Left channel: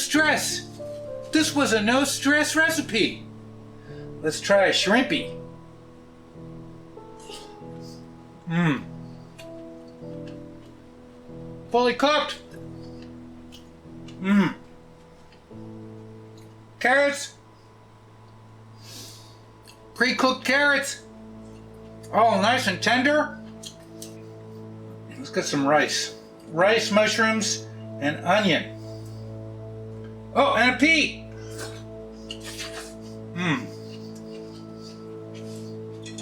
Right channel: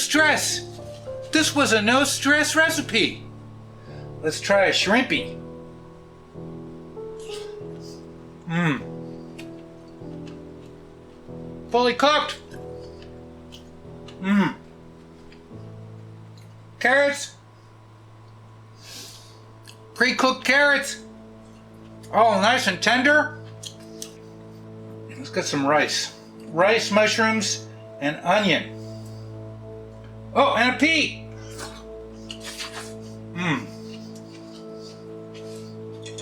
stress. This was a no stress recipe. Let's try a shrimpy. Fully cooked. Carrots. Pre-cooked carrots. Oh, nice and tender. Let's get some rice. Rice, mushrooms, and onion. Oh, and a pea.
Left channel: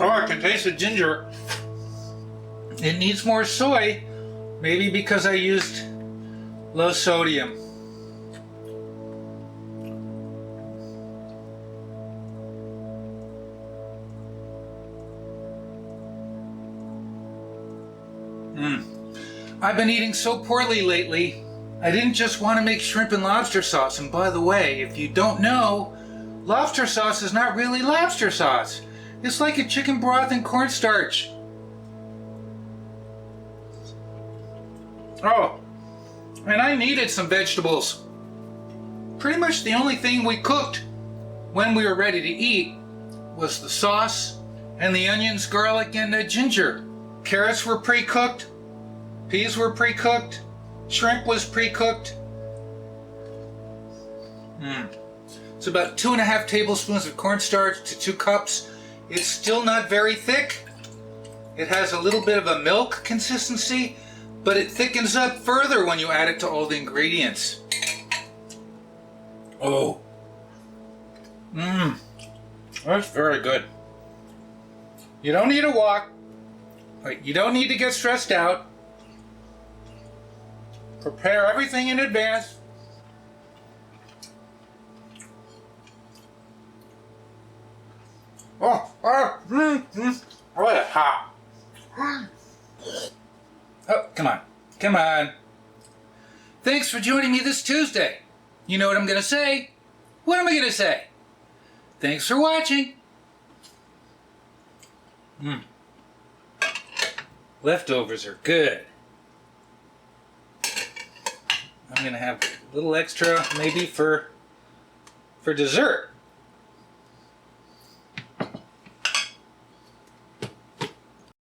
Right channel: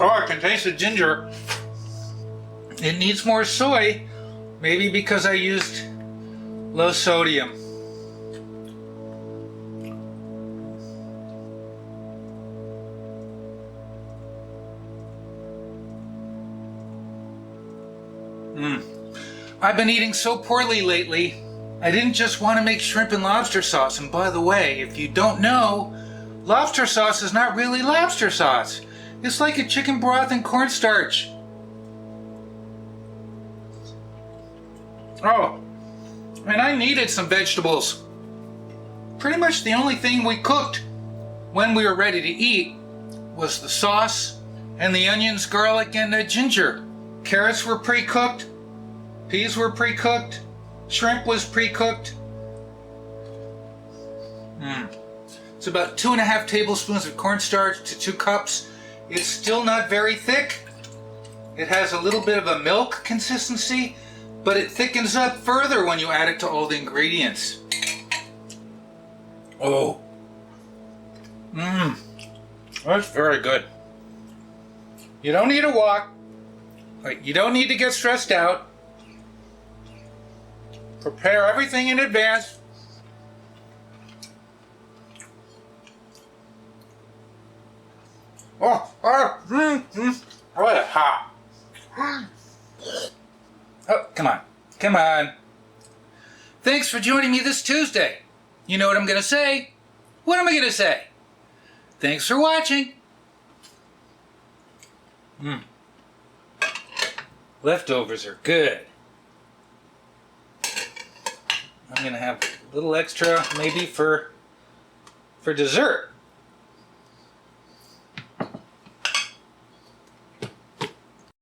Oh, I can taste the ginger. It needs more soy, maybe because I used low sodium. I've been eating so poorly lately. I didn't just want to make shrimp and lobster sauce. And by the way, if you don't know, lobster sauce is not really lobster sauce. It's like a chicken broth and cornstarch. Oh, and I needed some vegetables. Pretty much the only thing we cooked when we were ready to eat was the sauce and the onions, garlic, and the ginger. Carrots were pre-cooked. Peas were pre-cooked. Shrimp was pre-cooked. It's about 2.5 tablespoons of cornstarch to 2 cups. It's still not very thick. It has a little bit of a milk consistency, but it thickens up further when you add it to all the ingredients. Oh. That's very good. You don't need a wok. You don't need to get stressed out. Prepare everything in advance. Oh, hot. Oh, come on. Come on. Thanks for joining me this Tuesday. You know what I'm going to say? What am I going to say? Thanks for watching. Leftovers are good. I'm going to have a little extra maybe for dessert.